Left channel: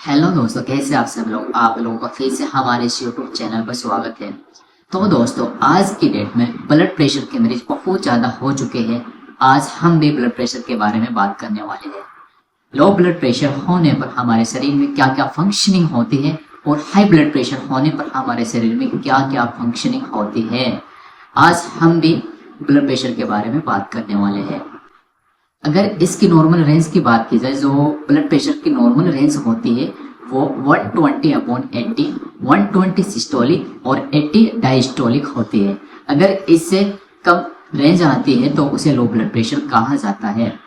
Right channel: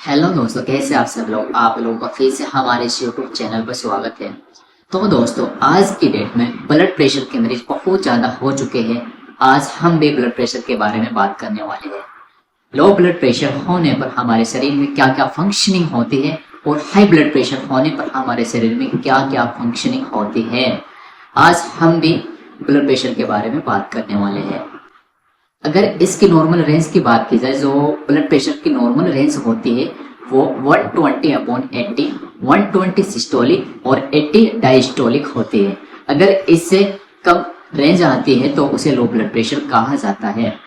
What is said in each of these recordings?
Hello दोस्तों, कैसे आप सब लोग। आप लोगों का फिर से हमारे इस यूट्यूब चैनल पर स्वागत है। तो दोस्तों, आज की डेट में ब्लड प्रेशर के मरीज बहुत ज़्यादा हो चुके हैं। आज हम भी ब्लड प्रेशर के बारे में बात करने वाले हैं। लो ब्लड प्रेशर होने पर हमारे शरीर में क्या क्या फंक्शनिंग होती है और हाई ब्लड प्रेशर होने पर हमारे शरीर में क्या क्या फंक्शनिंग होती है, आज हम भी ब्लड प्रेशर के बारे में बात करने वाले हैं। अगर इसकी नॉर्मल रेंज की बात की जाए, जो ब्लड प्रेशर की नॉर्मल रेंज होती है वो 120/80, 120 सिस्टोलिक और 80 डायस्टोलिक होती है। अगर इससे कम रेंज आती है तो उसे लो ब्लड प्रेशर कहा जाता है।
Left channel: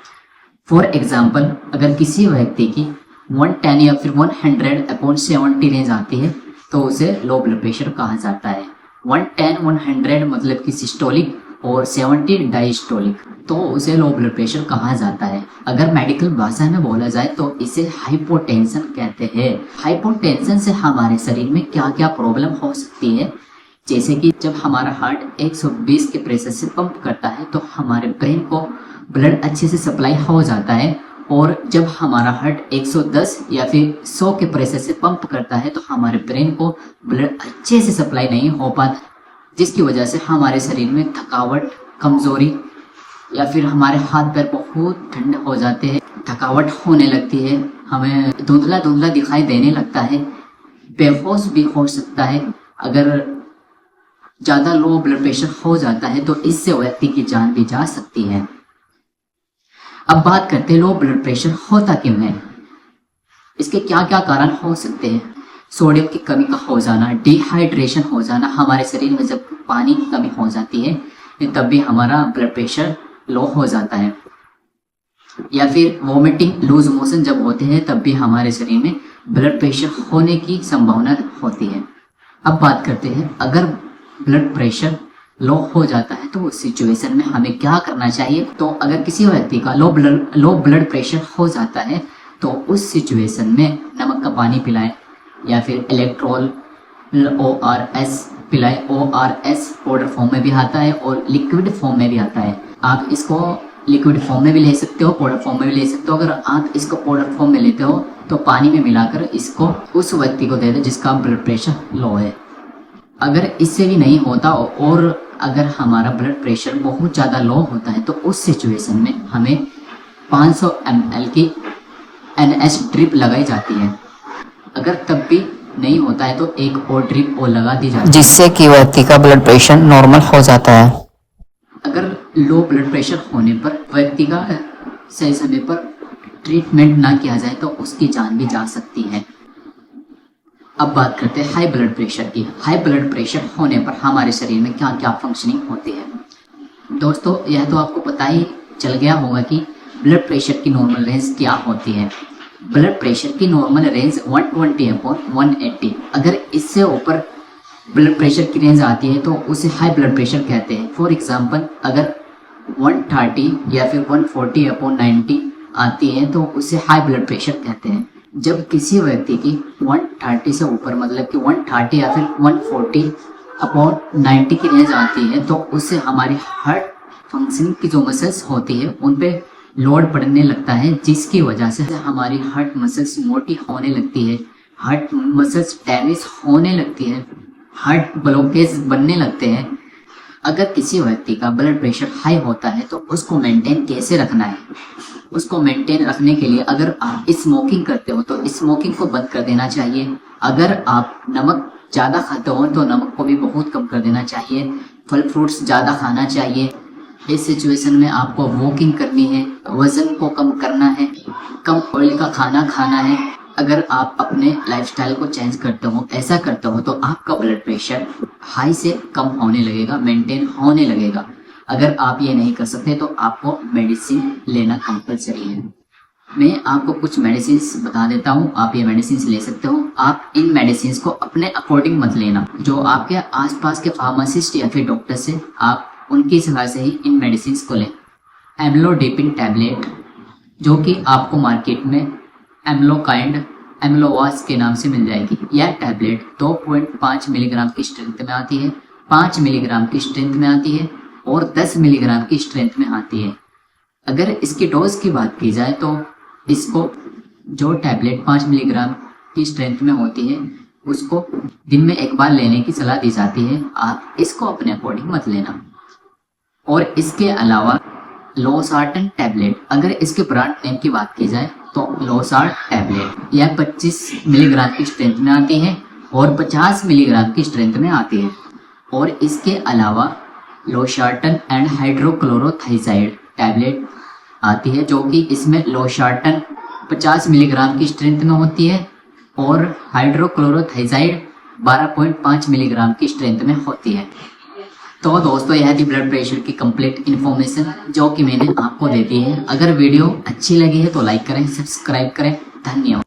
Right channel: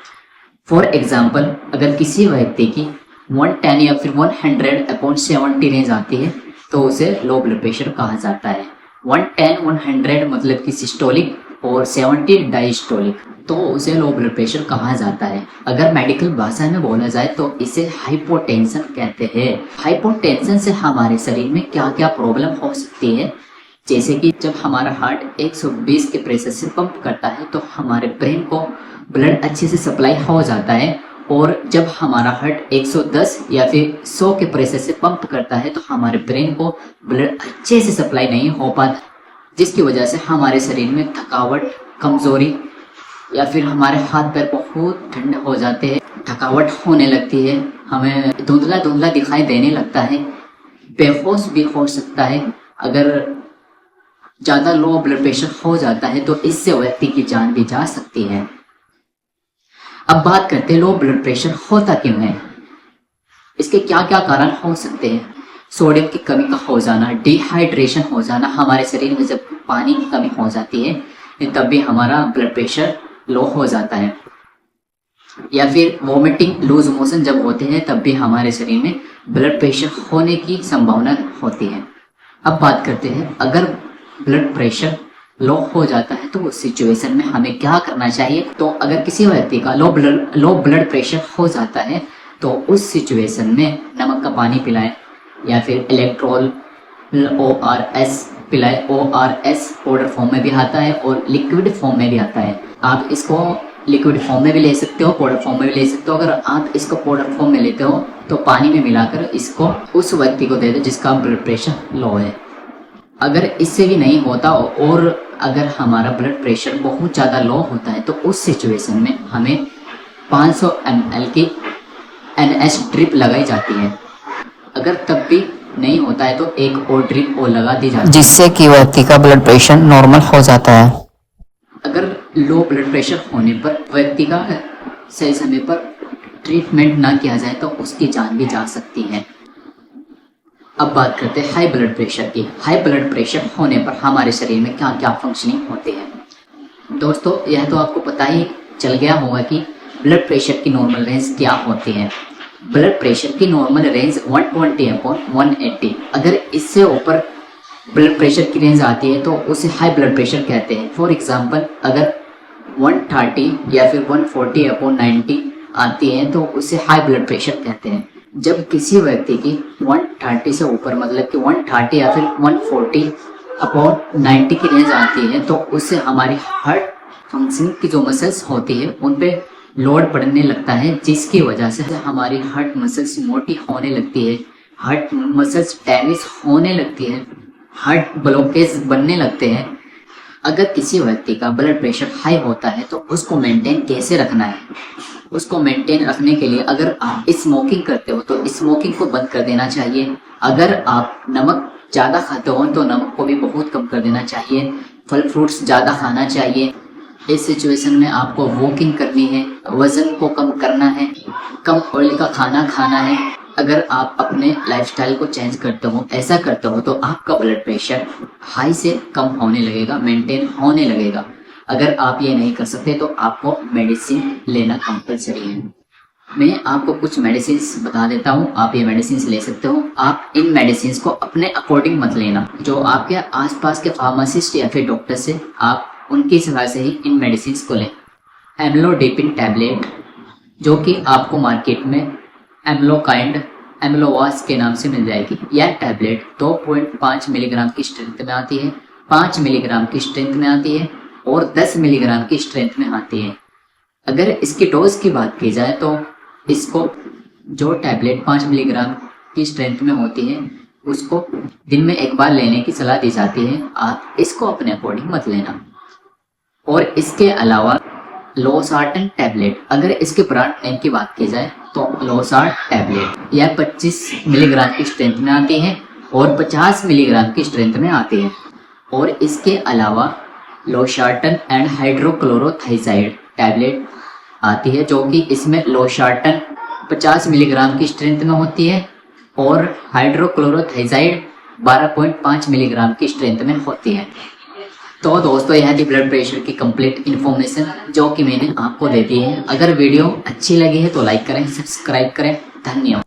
फॉर एग्जाम्पल, अगर किसी व्यक्ति की 110 या फिर 100/70 रेंज आती है तो उसे लो ब्लड प्रेशर कहा जाता है। 110 100 मतलब कि सिस्टोलिक और 70 डायस्टोलिक, तो उसे लो ब्लड प्रेशर कहा जाता है। अगर मेडिकल भाषा में बोला जाए तो इसे हाइपोटेंशन कहते हैं। हाइपोटेंशन से हमारे शरीर में क्या क्या प्रॉब्लम हो सकती है, जैसे कि जब हमारा हार्ट 120 के प्रेशर से पंप करता है तो हमारे ब्रेन को ब्लड अच्छे से सप्लाई हो जाता है, और जब हमारा हार्ट 110 या फिर 100 के प्रेशर से पंप करता है तो हमारे ब्रेन को ब्लड अच्छे से सप्लाई नहीं हो पाता, जिसकी वजह से हमारे शरीर में थकावट, कमजोरी या फिर हमारे हाथ पैर बहुत ठंडे हो जाते हैं, थकावट होने लगती है, हमें धुंधला धुंधला दिखाई देने लगता है, बेहोश भी हो सकता है। अगर ज्यादा लो ब्लड प्रेशर हो जाता है तो इससे व्यक्ति की जान भी जा सकती है। अब बात करते हैं लो ब्लड प्रेशर होता क्यों है, इसके क्या क्या कारण हो सकते हैं। सोडियम की कमी का हो जाना, डिहाइड्रेशन हो जाना, हमारे शरीर में जब पानी की कमी हो जाती है तब भी हमारा ब्लड प्रेशर लो हो जाता है। या फिर वोमिटिंग, लूज मोशन जब होते हैं तब भी हमारे शरीर में ब्लड प्रेशर होने की संभावना होती है। अब बात करते हैं, अगर ब्लड प्रेशर लो हो जाता है तो उस सिचुएशन में हमें क्या करना चाहिए। तो अगर किसी व्यक्ति का लो ब्लड प्रेशर हो जाता है तो उस सिचुएशन में नमक का पानी पिलाएं या फिर इलेक्ट्रोल ORS पिलाएं। ORS पाउडर फॉर्म में भी आता है और लिक्विड फॉर्म में भी आता है। आप इसको लिक्विड फॉर्म में भी ले सकते हो, पाउडर फॉर्म में भी ले सकते हो। अगर आप इसको पाउडर फॉर्म में लेते हो तो पानी में मिलाकर इसको उस व्यक्ति को दे दो जिसका ब्लड प्रेशर लो है। अगर इससे भी नहीं होता और अगर हमारा ब्लड प्रेशर बहुत ज़्यादा लो होता है तो उस सिचुएशन में हमें 500 ml की NH ड्रिप लगाई जाती है। अगर तब भी नहीं होता है तो एक और ड्रिप और लगा दी जाती है, जिससे कि व्यक्ति का ब्लड प्रेशर नॉर्मल हो जाता है। अगर लो ब्लड प्रेशर होने पर व्यक्ति का सही समय पर ट्रीटमेंट ना किया जाए तो उसकी जान भी जा सकती है। अब बात करते हैं हाई ब्लड प्रेशर की। हाई ब्लड प्रेशर होने पर हमारे शरीर में क्या क्या फंक्शनिंग होते हैं। दोस्तों, यह तो आपको पता ही चल गया होगा कि ब्लड प्रेशर की नॉर्मल रेंज क्या होती है। ब्लड प्रेशर की नॉर्मल रेंज 120/180। अगर इससे ऊपर ब्लड प्रेशर की रेंज आती है तो उसे हाई ब्लड प्रेशर कहते हैं। फॉर एग्जांपल, अगर 130 या फिर 140/90 आती है तो उसे हाई ब्लड प्रेशर कहते हैं। जब किसी व्यक्ति की 130 से ऊपर मतलब कि 130 या फिर 140/90 की रेंज आती है तो उससे हमारी हार्ट फंक्शनिंग की जो मसल्स होती है उन पे लोड पड़ने लगता है, जिसकी वजह से हमारी हार्ट मसल्स मोटी होने लगती है, हार्ट मसल्स डैमेज होने लगती है, हार्ट ब्लॉकेज बनने लगते हैं। अगर किसी व्यक्ति का ब्लड प्रेशर हाई होता है तो उसको मेंटेन कैसे रखना है। उसको मेंटेन रखने के लिए अगर आप स्मोकिंग करते हो तो स्मोकिंग को बंद कर देना चाहिए। अगर आप नमक ज़्यादा खाते हो तो नमक को भी बहुत कम कर देना चाहिए। फल फ्रूट्स ज़्यादा खाना चाहिए। इस सिचुएशन में आपको वॉकिंग करनी है, वजन को कम करना है, कम ऑयल का खाना खाना है। अगर आप अपने लाइफस्टाइल को चेंज करते हो, ऐसा करते हो, तो आपका ब्लड प्रेशर हाई से कम होने लगेगा, मेंटेन होने लगेगा। अगर आप ये नहीं कर सकते तो आपको मेडिसिन लेना कंपलसरी है। मैं आपको कुछ मेडिसिन बता देता हूँ, आप ये मेडिसिन ले सकते हो। आप इन मेडिसिन को अपने अकॉर्डिंग मत लेना, जो आपके आसपास के फार्मासिस्ट या फिर डॉक्टर से आप उनकी सलाह से ही इन मेडिसिन को लें। एम्लोडिपिन टैबलेट, जो कि आपको मार्केट में एम्लोकाइंड, एम्लोवास के नाम से मिल जाएगी। यह टैबलेट 2.5 मिलीग्राम की स्ट्रेंथ में आती है, 5 मिलीग्राम की स्ट्रेंथ में आती है और 10 मिलीग्राम की स्ट्रेंथ में आती है। अगर इसकी डोज की बात की जाए तो इसको जो टैबलेट 5 मिलीग्राम की स्ट्रेंथ में होती है उसको दिन में एक बार लेने की सलाह दी जाती है। आप इसको अपने अकॉर्डिंग मत लेना। और इसके अलावा लोसार्टन टैबलेट, अगर इसके ब्रांड नेम की बात की जाए तो लोसार्ट टैबलेट यह 25 मिलीग्राम की स्ट्रेंथ में आती है और 50 मिलीग्राम की स्ट्रेंथ में आती है। और इसके अलावा लोसार्टन एंड हाइड्रोक्लोरोथाइजाइड टैबलेट आती है, जो कि इसमें लोसार्टन 50 मिलीग्राम की स्ट्रेंथ में होती है और हाइड्रोक्लोरोथाइजाइड 12.5 मिलीग्राम की स्ट्रेंथ में होती है। तो दोस्तों यह थी ब्लड प्रेशर की कंप्लीट इन्फॉर्मेशन जो कि मैंने आपको दे दी है। अगर वीडियो अच्छी लगी है तो लाइक करें, सब्सक्राइब करें। धन्यवाद।